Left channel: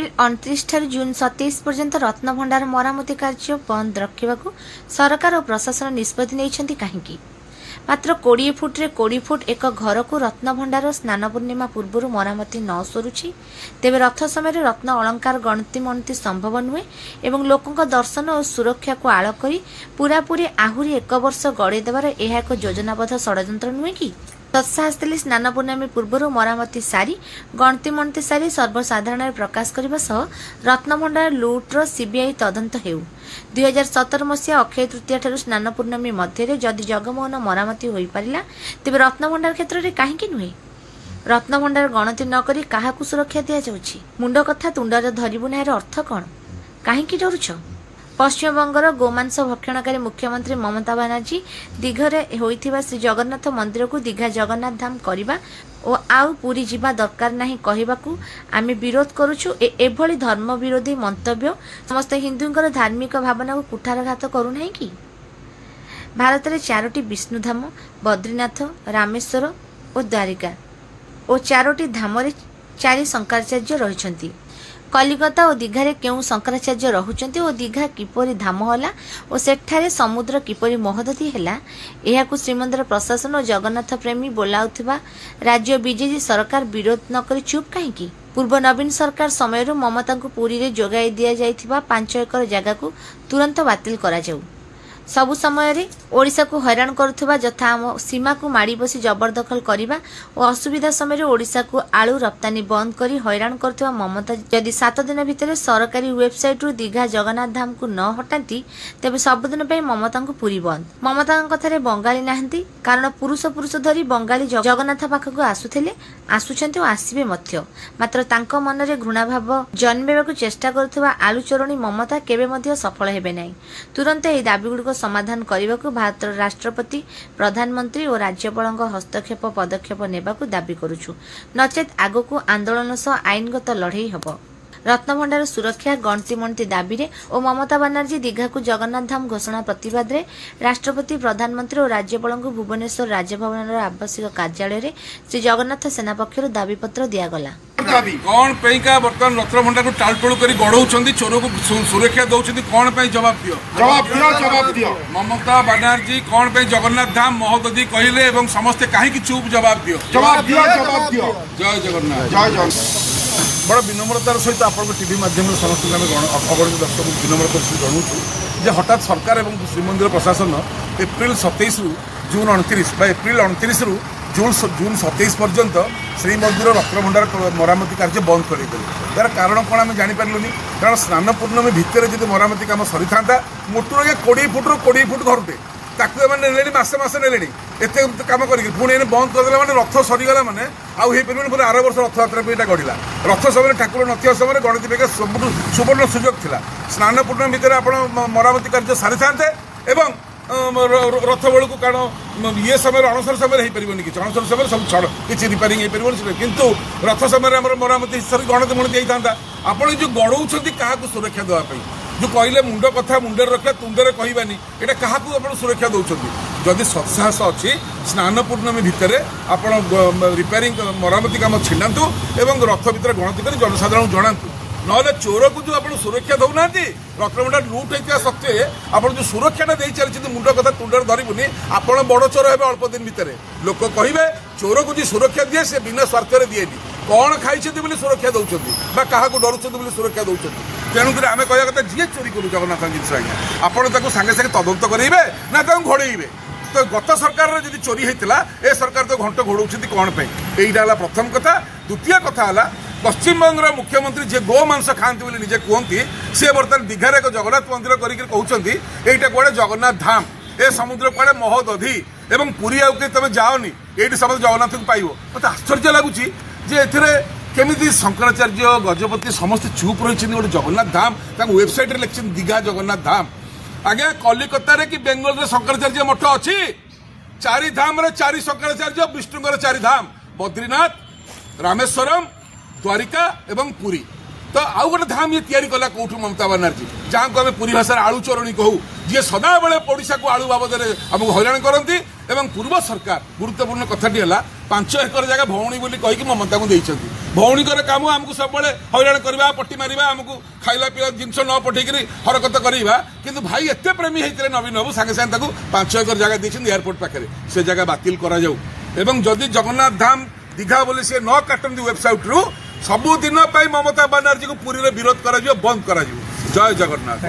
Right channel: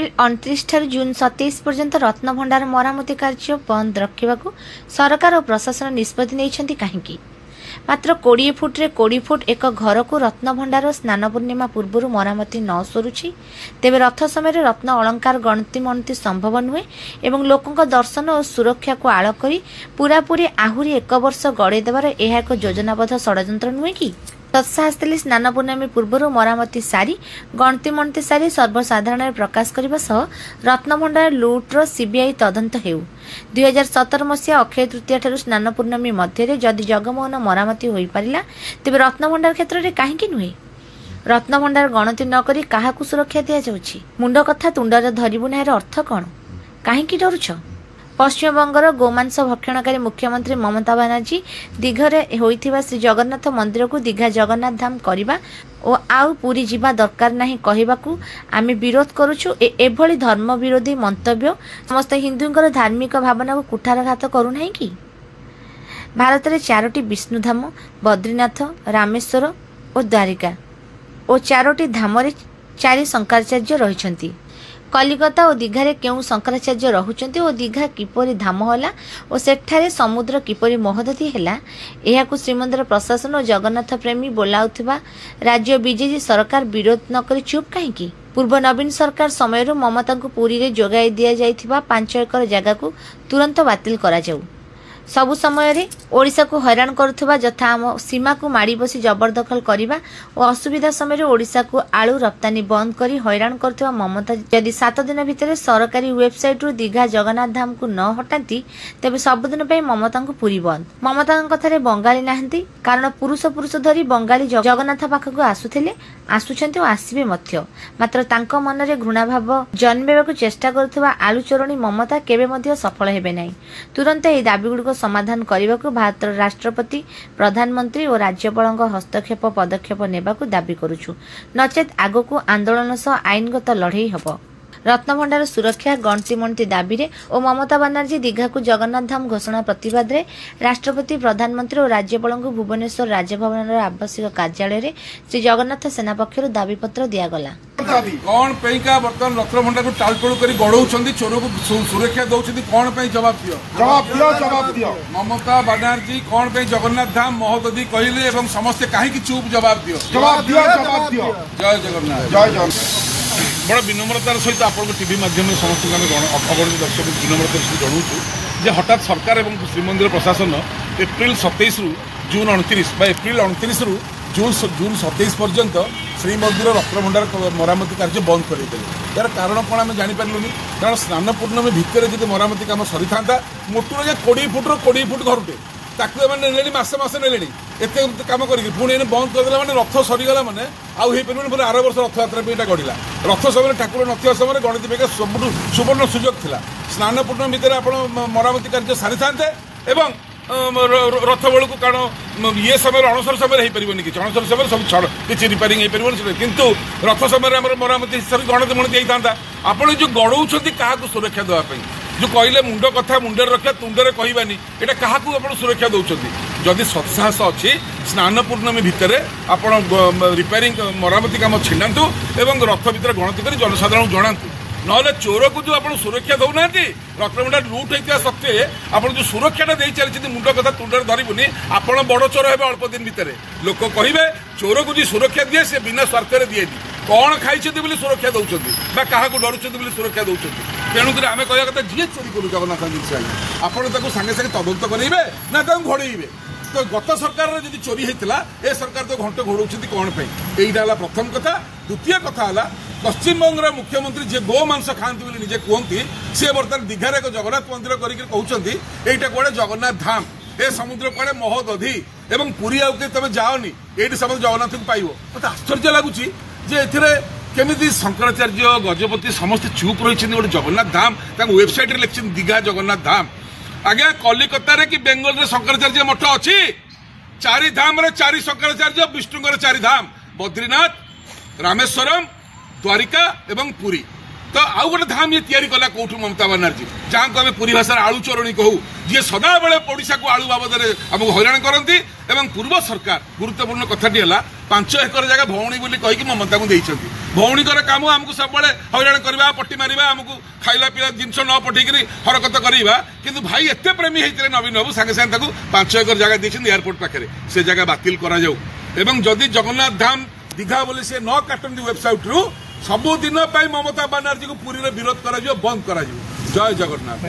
April 29 ठारू जून 27 पर्यंत रत्नभंडार मरामती कार्य बंद रखा सरकार और प्रशासन निष्पत्ति नहीं कहीं मात्र 20 फुट एक घर को रत्नभंडार स्नान पूर्णिमा पूर्व मरामती न सरुछि तेबे रथ समय रत्न अलंकार गणति मनती संभव नुहे एवं लोकों दर्शन और सुरक्षा को आड़ करी पूरापूरी आहुरी एक वर्ष गड़े देवार यह एक योजनाबद्ध षड्यंत्र नुहे कि तत्साहस्थिली स्नान पूर्णमी पूर्व मरामती सारी गणति मनती सारी सर्वसाधारण प्रकाश करने सह रत्नभंडार लुट्र सीबीआई तदंत हेउ 2017 मसीहा अक्षय तृतीय ठारू स्नान पूर्णमी मध्य जदि जगमोहन मरामती हो पारिला तेबे रत्नभंडार क्षेत्र में कहीं नुहे रत्नभंडार गणति नकरी काहाकू सुरक्षा दिया जाउछि मुंड कथा तुंडरे धरिबु ना अर्थ कौन कहीं डरुछ पश्चिमबंगर गोमांस भक्षणकारी मुख्यमंत्री ममता बनर्जी दीघरे होइथिबा श्री जगन्नाथ मंदिर को दीघा जगन्नाथ धाम करबा और आउ पूरी जीवा दरकार नहीं कहबाकू आमे विरोध करुछु एभली धर्म विरोधी मंतव्य समस्त हिंदुंकर धार्मिक भावना को कुठारघात करू नहीं कि भारत में 4टी विष्णुधाम बद्रीनाथ रामेश्वर और द्वारिका और 4टी धाम 4 शंकराचार्य रहिछंती कलिकता और दीघारे केउ शंकराचार्य रहुचंती और दीघा किपरि धाम होला और सेठारे समुद्र किपरि महोदधि ହେଲା एहाकु श्रीमंदिर प्रशासन और जगन्नाथ प्रेमी बोलाउथिबा राज्य बीजेपी सरकार विरोध न करी चुप काहेकि पूर्व नवीन सरकार समय ममता को पुरी रे जोगाई दिया जाइथिबा 5 एकर जगह को तुरंत बातिल करा जाऊ सबु समय ओडिशा को हैरान करुवा जथा आम सीमा को माड़ी बसी जबरदखल करने और असुविधा समय ओडिशा को आलू रप्तानी बंद करी हैरान करुवा ममता जदि 7 दिन भितर सरकारी वेबसाइट रु दीघा जगन्नाथ धाम को न हटाती तेबे सबुदिन ममता को पुरी बंद ममता कथार बंगाली नाहंती कारण पुरुष धरी बंगाली जगन्नाथ पाखक आसुथिले आसुछंती और आसीबे मध्य मात्र तांको मनरे घृणा भाव जन्मेबाकू चेष्टा करुवा आलू चोरणी ममता केबे मध्य सफल हेबे नाही तुरंत एही दाबीगुड़िक समाधान करने को भारत राष्ट्रपति प्रधानमंत्री और राज्यपाल हस्तक्षेप पदक्षेप नेबाकू दाबी करुछु नचेत आगकू आंदोलन सह आईनगत लड़ई हब रत्नभंडार सुरक्षा गणति मंटी दाबी रे और ममता बनर्जी दीघा को जगन्नाथ धाम घोषणा प्रतिवाद रे राष्ट्रपति प्रधानमंत्री और राज्यपाल को भुवनेश्वर राजभवन आवश्यक कार्यालय रे श्री जगन्नाथ सेना पक्षर दाबी पत्र दियागला कौन पैका बर्तमान रत्नभंडार को टालटोल कर गड़ौंट चोर को सुरक्षा दौरान कौन जवाब दियो ममता बनर्जी कौन जगन्नाथ धाम महोदधि कहले समस्ते कहीं चुप जवाब दियो जय जगन्नाथ बड़ा विनम्रतार सहित आप टीवी माध्यम समस्त खबर दर्शक विनम्रतार सहित जनाऊँ जे हठात सरकार और श्रीमंदिर प्रशासन एप्रिल 27 रु जून 29 एप्रिल 29 रु जून 27 पर्यंत श्रीमंदिर रत्नभंडार मरामती कार्य बंद कर यार कारण कौन आम जापारूनी कारण स्नान पूर्णमी भितर जी मरामती काम सरी था मोटर 20 फुट 20 फुट घरटे ताकू ने मसे ने एत कम कर बंद करदे मैंने रथ सरीगला मैंने आउ पूरे आर वर्ष रथयात्रा पे गढ़ा रथ समय ठाकुर नथिया समय गणति बेग सुवर्ण सुजोग था स्नान पूर्णमी भितर आप मरामती कार्य सारी था रथ बेलू कारण ये समय अणसर समय हो पारे कि अणसर समय सब किसी रिपेयरिंग हो पारे कितु रथ समय मरामती गणति मणति जाता आपड़ जो गड़ौं क्या सुरक्षा देवाई जो कहले मुंड कथा मुंडे रखा तुंडे कहबानी यहाँ क्या सुरक्षा दौरान जदि सत्साहस अच्छी स्नान पूर्णमी भितर आप रिपेयरिंग मरामती काम छिड़ातु और रथ भितर गणति कर जनसाधारण जनातु ना चोर को जो आप सुरक्षा दौना रत्नभंडार लुट होता सत्वे आप जो सुरक्षा दे चलती मुंड कथा तुंडे धरबुनि आप बड़ चोर हे अल्प दिन भितर लोक कहे चोर को जो सुरक्षा दिए से बिना स्वार्थ दिए कौन खाई सुरक्षा दौरान क्या डरुंच सुरक्षा दौरान तेणुक आम कह कथा जी चोरी करू जगन्नाथ जिन आपड़ सागे सागे तदंत करेंगे ना घोड़े तो गत सरकार जब चोरी होता ए सरकार तो घंट घोड़ाऊँ कौन यहाँ प्रथम कथा द्वितीय कथा है पश्चिमबंग मुख्यमंत्री जी गोमांस खाती बोली निजे कहती सी बर्तमान दीघार एक जगन्नाथ मंदिर कहते यहाँ कड़े जगन्नाथ धाम ए समुद्र कड़े महोदधि एवं पुरी आउ तुम जाओनी ये समस्त जगन्नाथ को पाइब मत आश्चर्य लगुच केमी शंकराचार्य गजपति समस्त चुप रही गोटे जगन्नाथ धाम वेबसाइट लिखी दीघा जगन्नाथ धाम आज्ञा कलिकतार कि बेंगल शंकराचार्य मठ अच्छी 4 धाम 4 शंकराचार्य विष्णुकर 4 धाम बद्रीनाथ रामेश्वरम द्वारिका एवं पुरी तो आउ गोटे धाम ये तैयारी कला कौटू ममता बनर्जी जहाँ को आम पुरी भाषा आलू चोरणी कहू जी सदाबले ओडिशा को आलू बाबद आमको हैरान करती पूर्व सरकार गुरुत्वपूर्ण कथाटी है 5 एकर जगह भौणी बोली कहीकि ममता को देइछंती भौणीकर काम आमको सब हईराण करवा पट्टी मारिबा आमको खाइला पिला जिनस न पठेकरी हरकत करवा किंतु भाई एते प्रेमी होते नवीन बाबू सागे सागे 5 एकर जगह देइछन एयरपोर्ट पाखे से जगह बातिल करा जाऊ एवं जदि जगन्नाथ धाम दीघा बोली से न काटती वेबसाइट रु सबुदिन ममता बानार्जी को पुरी विरोध करा बंद करा जय जगन्नाथ।